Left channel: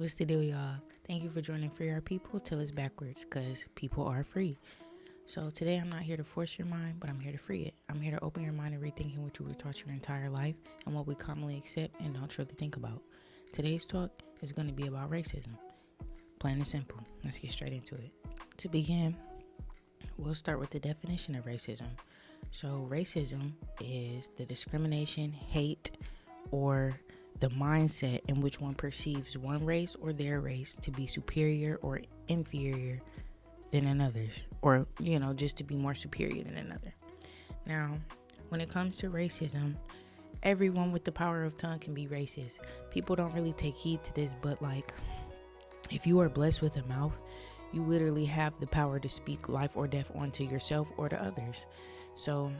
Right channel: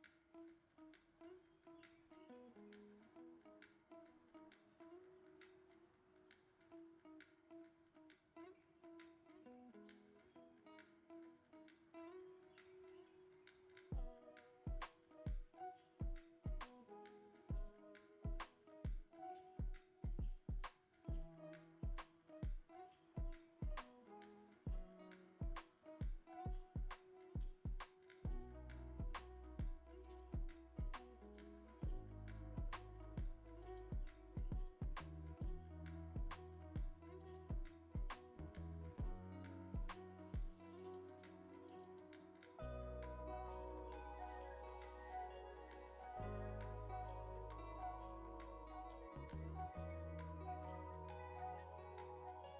What's the deal, y'all? Thank you for joining FreeRPeople till it's backwards, because people are free. So today I'm not here to force your mind, but I'm here to free it. I'm here to open your mind and rethinking what you were taught your entire life and what we commonly accept and don't truly think about. Today's talk is going to be about racism. Plain and simple. Let's get straight into it. To begin, we'll start with the definition of racism. So racism is the discrimination, hate, or the mindset in which one perceives one race or their race to be superior or inferior than another's, or just to be more superior than another. Now, when it comes to racism, everyone with the power of tongue can be racist. People don't really take heed to this, but if you are blessed with a mouth, you literally have the power to speak life or death onto yourself or to others. So,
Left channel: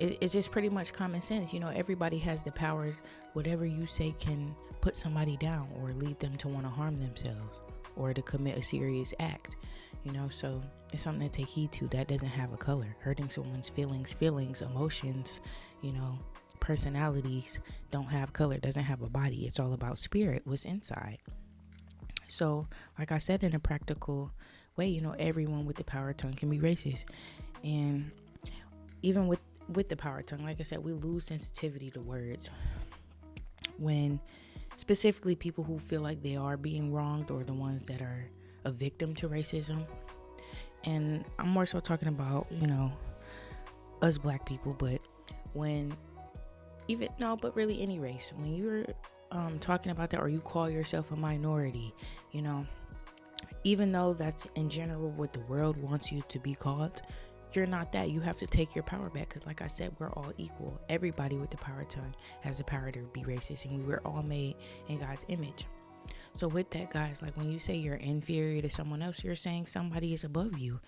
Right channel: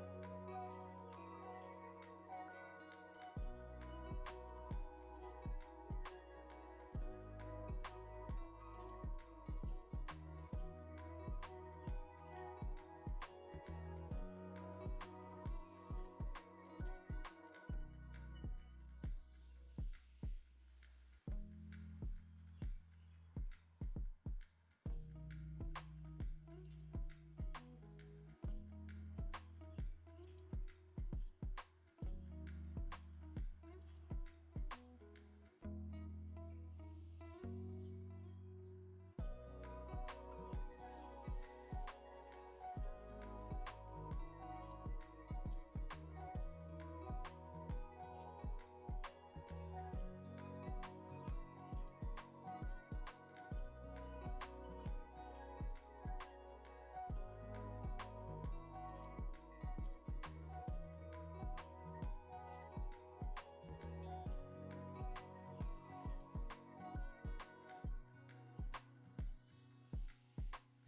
it's just pretty much common sense. Everybody has the power. Whatever you say can put somebody down or lead them to want to harm themselves or to commit a serious act. So it's something to take heed to. That doesn't have a color. Hurting someone's feelings, emotions, personalities don't have color, doesn't have a body. It's all about spirit, what's inside. So, like I said, in a practical way, everyone with the power tongue can be racist. And even with the power tongue, like I said, we lose sensitivity to words when specifically people who feel like they are being wronged or the ones that are a victim to racism. And I'm more so talking about, us black people, but really any race, when you're talking about that or you call yourself a minority, even though that's in general what the world wants you to be called, you're not that. You have to take your power back, because like I said, we're all equal. Everybody with the power tongue has the power to be racist, and we were all made in God's image. So with that, guys, when you say you're inferior to someone else, you're saying somebody is above you.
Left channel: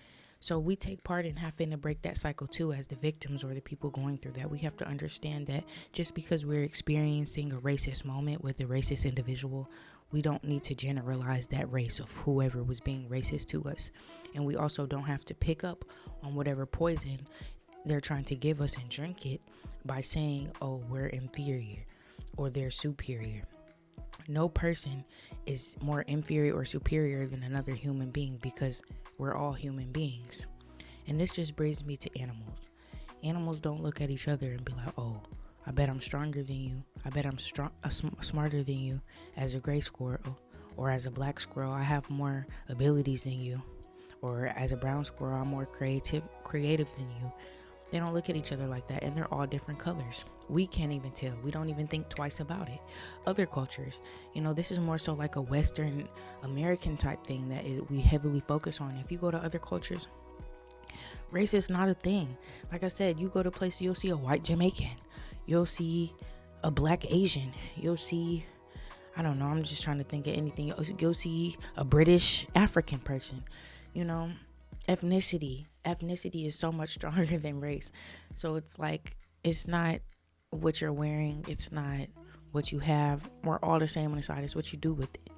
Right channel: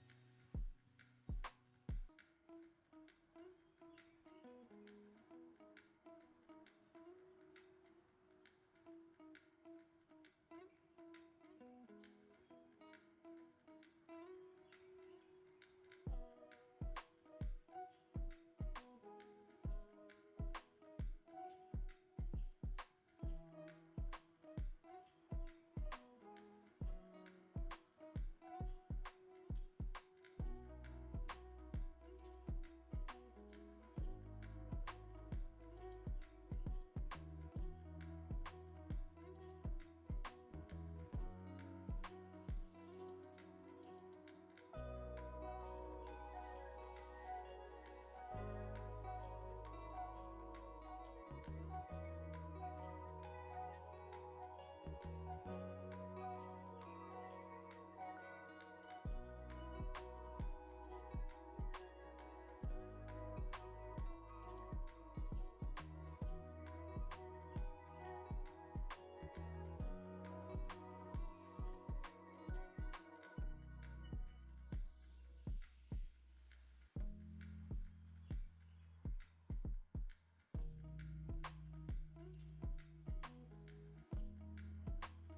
So we take part in having to break that cycle too, as the victims or the people going through that. We have to understand that just because we're experiencing a racist moment with a racist individual, we don't need to generalize that race of whoever was being racist to us. And we also don't have to pick up on whatever poison they're trying to give us and drink it by saying, oh, we're inferior or they're superior. No person is more inferior or superior than another human being, because we're all human beings. And this just brings me to animals. Animals don't look at each other and be like, oh, I bet I'm stronger than you. I bet I'm smarter than you as a gray squirrel, or as a black squirrel, I have more abilities than you, or as a brown squirrel, I'm more creative than you. They don't look at each other like that, and they're all different colors. We can't even tell. We don't even think twice about it. Other cultures, this is more so like a Western American type thing that we heavily focus on. If you go to other cultures, race is not a thing. Like I said, you go to places, you'll see a white Jamaican, you'll see a black Asian, you'll see, I don't know, I'm just trying to think of anything. You'll see a British African person. Ethnicity is so much stronger than race. So it's not what you're wearing, it's not what you have. We're all the same on the side. It's what you do with it.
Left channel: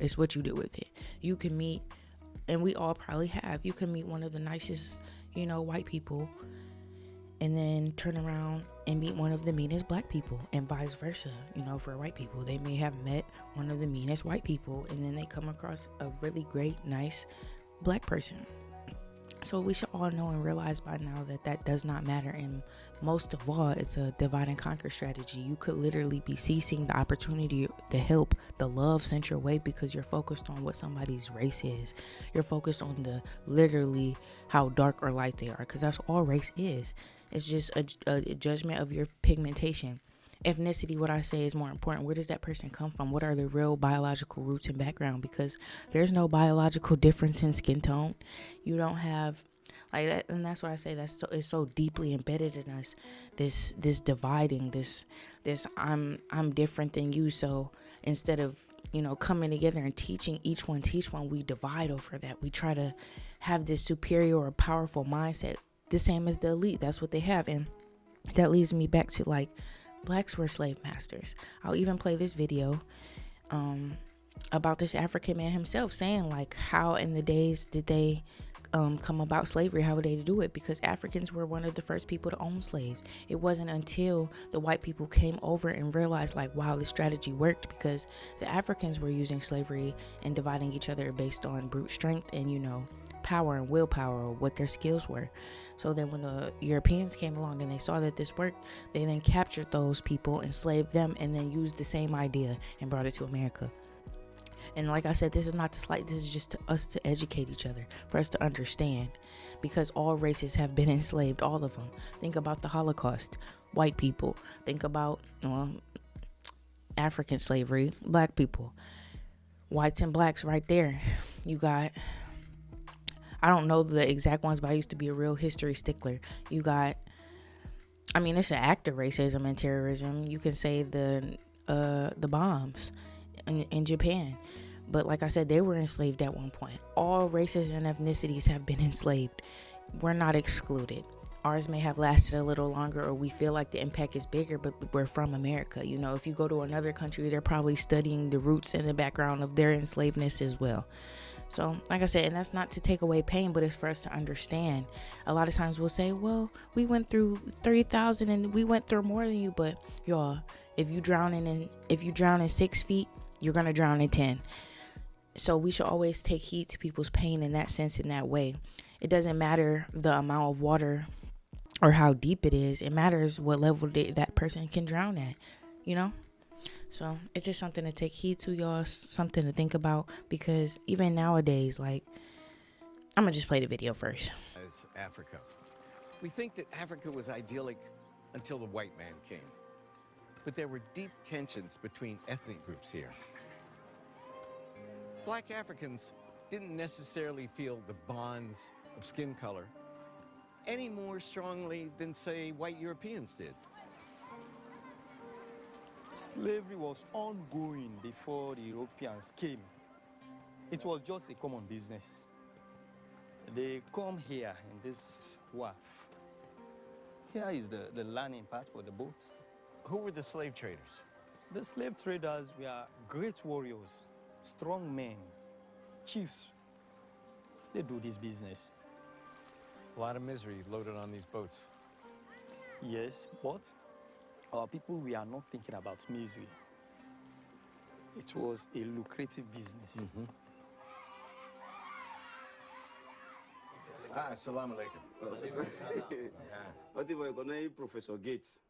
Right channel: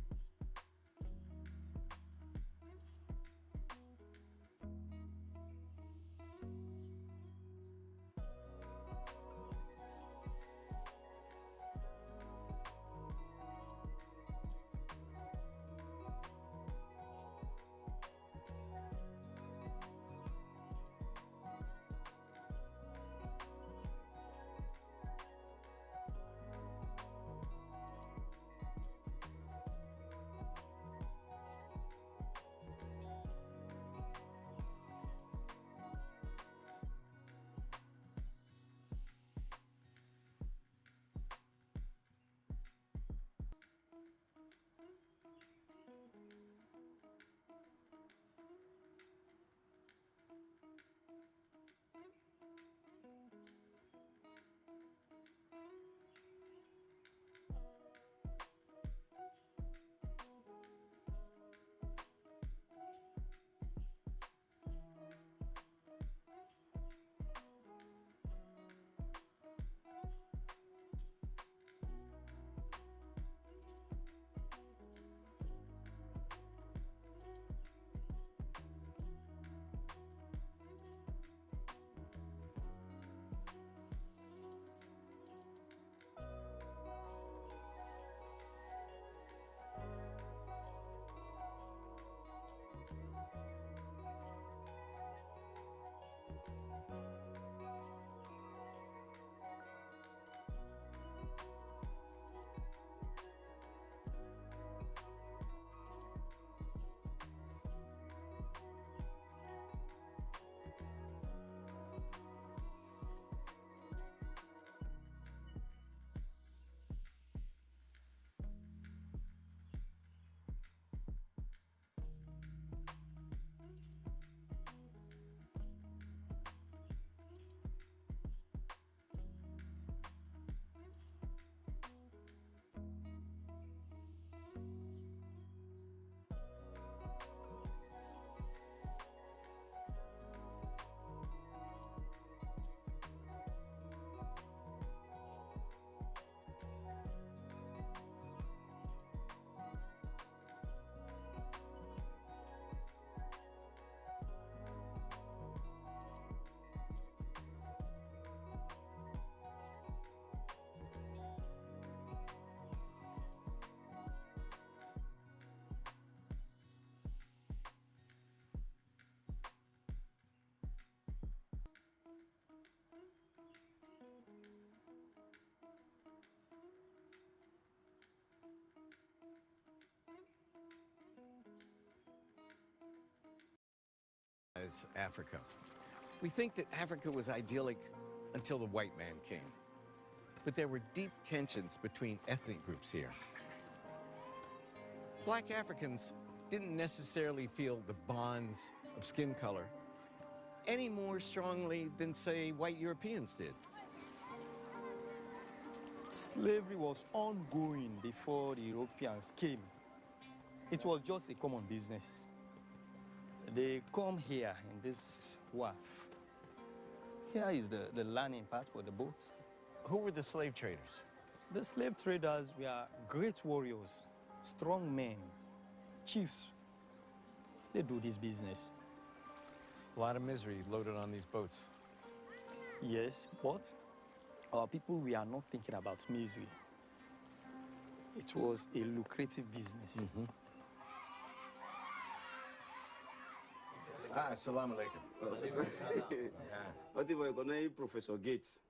It's what you do with it. You can meet, and we all probably have, you can meet one of the nicest white people and then turn around and meet one of the meanest black people, and vice versa. For white people, they may have met one of the meanest white people and then they come across a really great, nice black person. So we should all know and realize by now that does not matter. And most of all, it's a divide and conquer strategy. You could literally be seizing the opportunity, the help, the love sent your way, because you're focused on what somebody's race is. You're focused on literally how dark or light they are, because that's all race is. It's just a judgment of your pigmentation. Ethnicity, what I say, is more important. Where does that person come from? What are the real biological roots and background? Because there's no biological difference in skin tone. You don't have that, and that's what I say. It's so deeply embedded in us. This dividing, this I'm different than you. So instead of coming together and teaching each one, we divide over that. We try to have this superior or powerful mindset, the same as the elite. That's what they have, and that leads me back to blacks were slave masters. I'll even play this video about this African man himself saying how in the days did they come about slavery, how would they do it? Because Africans were one of the first people to own slaves. It wasn't until the white people came over and realized, like, wow, this strategy worked, because the Africans were using slavery and dividing each other based on brute strength and, you know, power and willpower, or what their skills were. So then when the Europeans came along and they saw that this worked, they then captured those people, enslaved them, and then used the same idea and brought it to America. And like I said, this is not to slight, this is just to us to educate each other, for us to understand, because all races have been enslaved, all of them. Think about the Holocaust, white people. Think about African slavery, black people. Whites and blacks right there. You got, I don't know the exact ones, but I used to be a real history stickler. You got, I mean, it's an act of racism and terrorism. You can say the bombs in Japan. But like I said, they were enslaved at one point. All races and ethnicities have been enslaved. We're not excluded. Ours may have lasted a little longer, or we feel like the impact is bigger, but we're from America. You know, if you go to another country, they're probably studying the roots and the background of their enslavedness as well. So, like I said, and that's not to take away pain, but it's for us to understand. A lot of times we'll say, well, we went through 3,000 and we went through more than you, but y'all, if you drown in 6 feet, you're gonna drown in 10. So we should always take heed to people's pain in that sense, in that way. It doesn't matter the amount of water or how deep it is. It matters what level that person can drown at, you know? So it's just something to take heed to, y'all, something to think about, because even nowadays, like, I'm gonna just play the video first. As Africa. We think that Africa was idyllic until the white man came. But there were deep tensions between ethnic groups here. Black Africans didn't necessarily feel the bonds of skin color any more strongly than, say, white Europeans did. Slavery was ongoing before the Europeans came. It was just a common business. They come here in this wharf. Here is the landing part for the boats. Who were the slave traders? The slave traders were great warriors, strong men, chiefs. They do this business. A lot of misery loaded on these boats. Yes, but our people, we are not thinking about misery. It was a lucrative business. Assalamu alaikum. Professor Gates.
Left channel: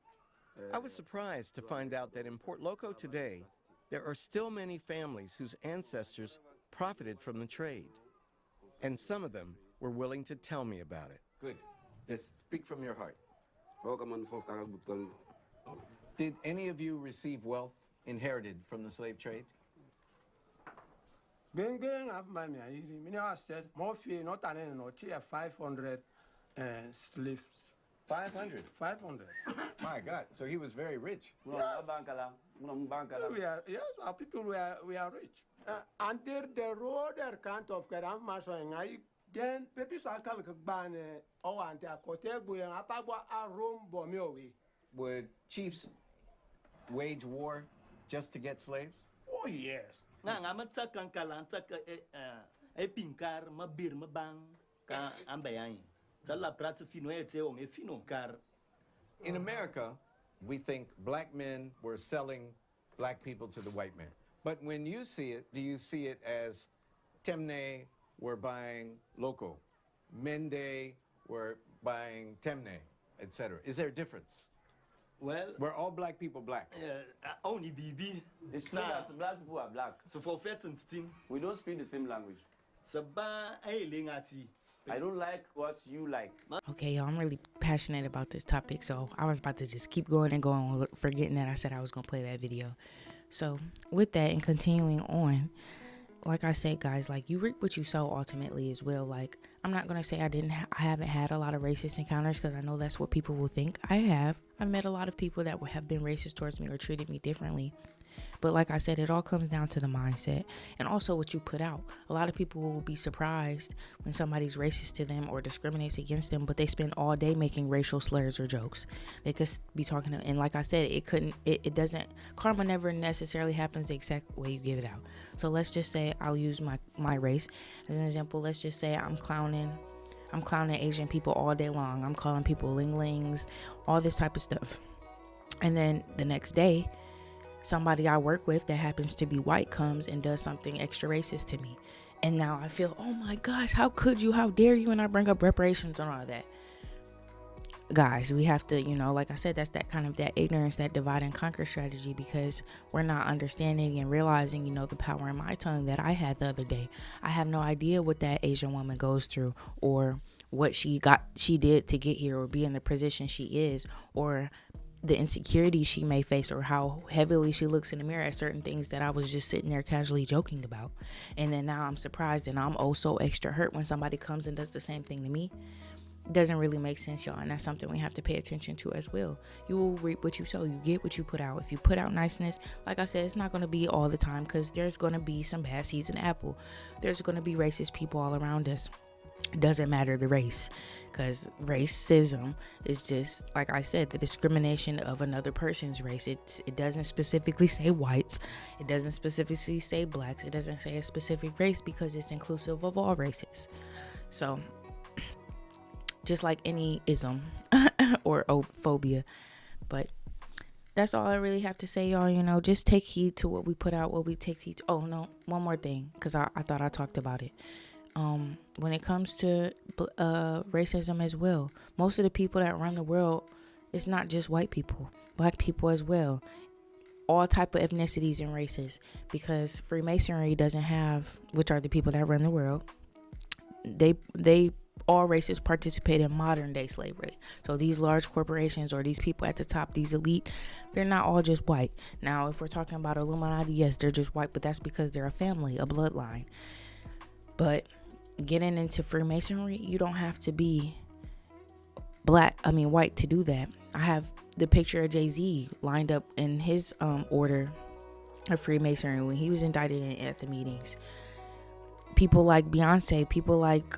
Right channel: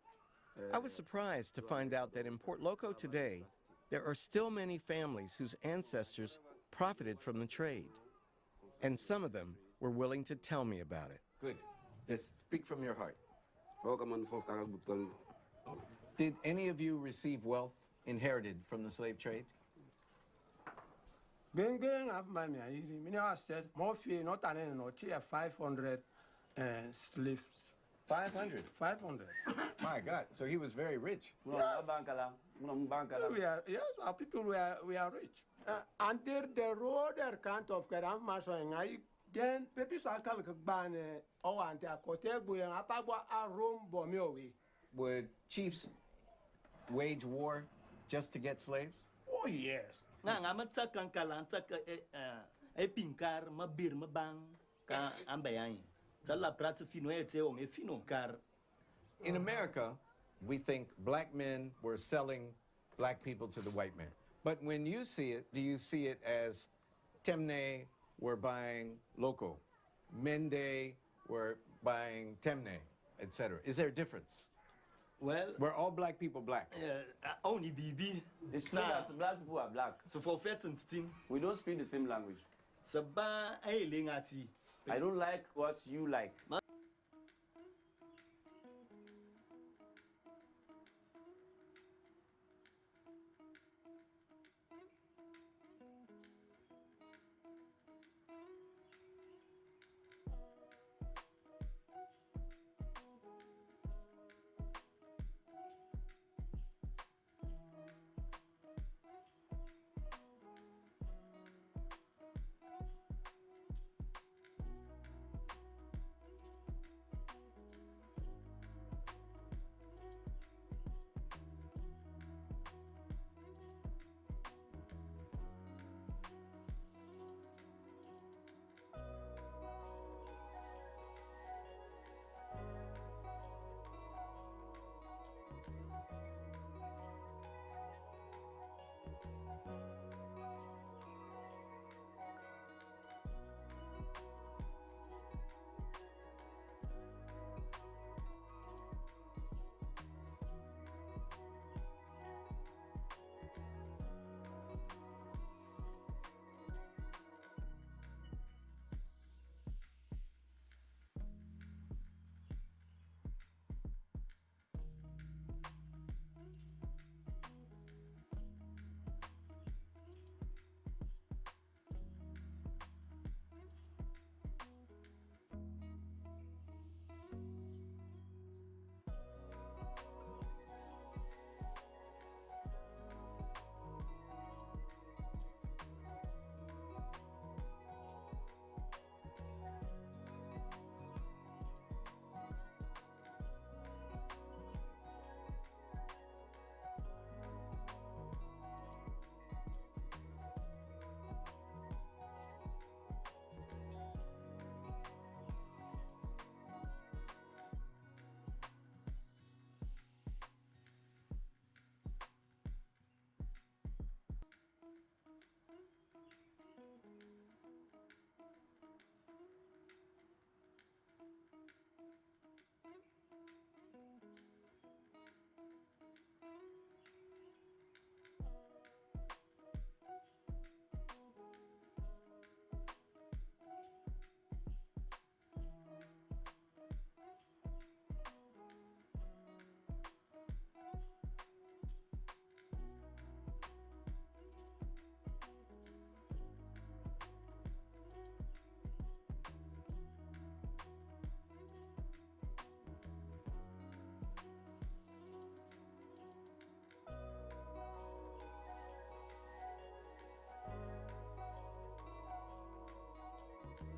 I was surprised to find out that in Port Loko today, there are still many families whose ancestors profited from the trade. And some of them were willing to tell me about it. Good. Just speak from your heart. Did any of you receive wealth inherited from the slave trade? Bengen of my said more fear not an no tier 500 slaves. 500? 500. My God, so he was very rich. Yes, yes, our people we are rich. Until the road account of Grandma then people so I can ban or anti Cotego and Apagua are room bomiowi. Would chiefs wage war just to get slaves? Oh, yes. Now, I'm a pinkar, my beer, my bang, ambayan. Tala prata fino o me fino car. In America, we think black men were selling black people to the white man. But when you see it, do you see it as Temne were buying Loco, Mende were buying Temne, etc.? Is there a difference? Well, were all black people black? Only BB. It's true that black people are black. So for certain team, we don't speak the same language. I don't like what you like. Okay, y'all, I'm really passionate about this topic, so I was about to just keep going and going, forgetting that I said I was going to play that video. So with that and continuing on, like I said, guys, like, you reap what you sow ultimately as well. Like, I'm not going to say I haven't had a lot of racist encounters, because I know that's what people will think. I've met a lot of people that have been racist towards me or treated me differently. But like I said, it all comes down to the mindset and also what you put out. A lot of people will be surprised when somebody's racist to them or discriminates against them, but they spend all day making racial slurs or jokes. They could be talking to, and like I said, it doesn't, karma never necessarily happens the exact way you give it out. So let's just say I'll use my race. As an example, let's just say I'm clowning Asian people all day long. I'm calling people ling-lings, all this type of stuff. And then the next day, somebody I work with that happens to be white comes and does something extra racist to me. And now I feel, oh my gosh, how could you? How dare you? And I bring up reparations and all that. Guys, we have to, like I said, that's that kind of that ignorance, that divide and conquer strategy, because we're not understanding and realizing, the power in my tongue that I had the other day. I have no idea what that Asian woman goes through, or what she did to get here, or be in the position she is, or the insecurity she may face, or how heavily she looks in the mirror at certain things that I was just sitting there casually joking about. And then now I'm surprised and I'm oh so extra hurt when somebody comes and does the same thing to me. Doesn't really make sense, y'all, and that's something we have to pay attention to as well. You will reap what you sow. You get what you put out. If you put out niceness, like I said, it's not going to be all the time, because there's going to be some bad seeds in apple. There's going to be racist people all around us. It doesn't matter the race, because racism is just, like I said, the discrimination of another person's race. It doesn't specifically say whites. It doesn't specifically say blacks. It doesn't say a specific race, because it's inclusive of all races. So just like any ism or phobia. But that's all I really have to say, y'all. Just take heed to what we put out, what we take heed to. Oh no, one more thing, because I thought I talked about it. When it comes to racism as well, most of the people that run the world, it's not just white people, black people as well, all type of ethnicities and races, because Freemasonry doesn't have, which are the people that run the world, they all races participate in modern day slavery. So these large corporations, or these people at the top, these elite, they're not all just white. Now, if we're talking about Illuminati, yes, they're just white, but that's because they're a family, a bloodline. But getting into Freemasonry, you don't have to be white to do that. I have the picture of Jay-Z lined up in his order of Freemasonry when he was indicted at the meetings. People like Beyonce, people like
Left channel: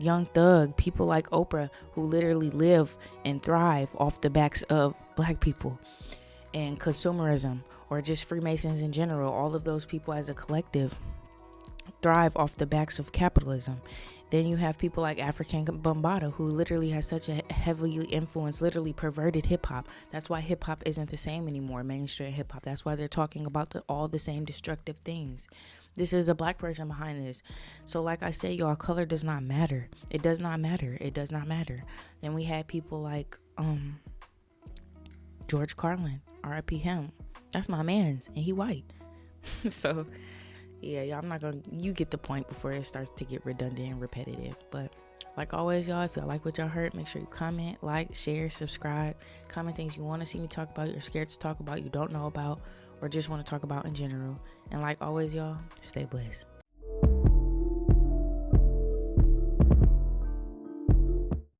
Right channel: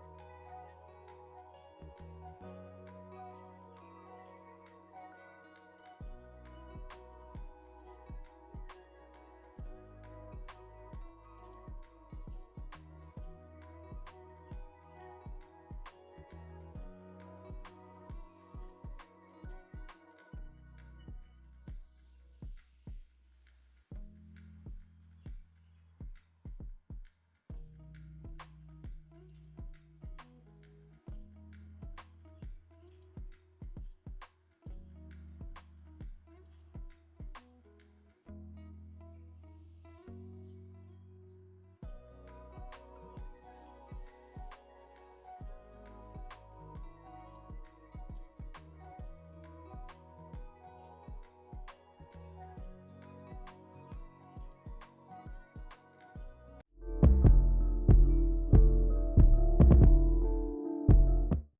Young Thug, people like Oprah, who literally live and thrive off the backs of black people, and consumerism, or just Freemasons in general. All of those people as a collective thrive off the backs of capitalism. Then you have people like African Bambaataa, who literally has such a heavily influenced, literally perverted hip-hop. That's why hip-hop isn't the same anymore, mainstream hip-hop. That's why they're talking about all the same destructive things. This is a black person behind this. So like I said, y'all, color does not matter. It does not matter. It does not matter. Then we had people like George Carlin, R.I.P. him. That's my man's, and he white. So yeah, y'all, you get the point before it starts to get redundant and repetitive. But like always, y'all, if y'all like what y'all heard, make sure you comment, like, share, subscribe, comment things you want to see me talk about, you're scared to talk about, you don't know about, or just want to talk about in general. And like always, y'all, stay blessed.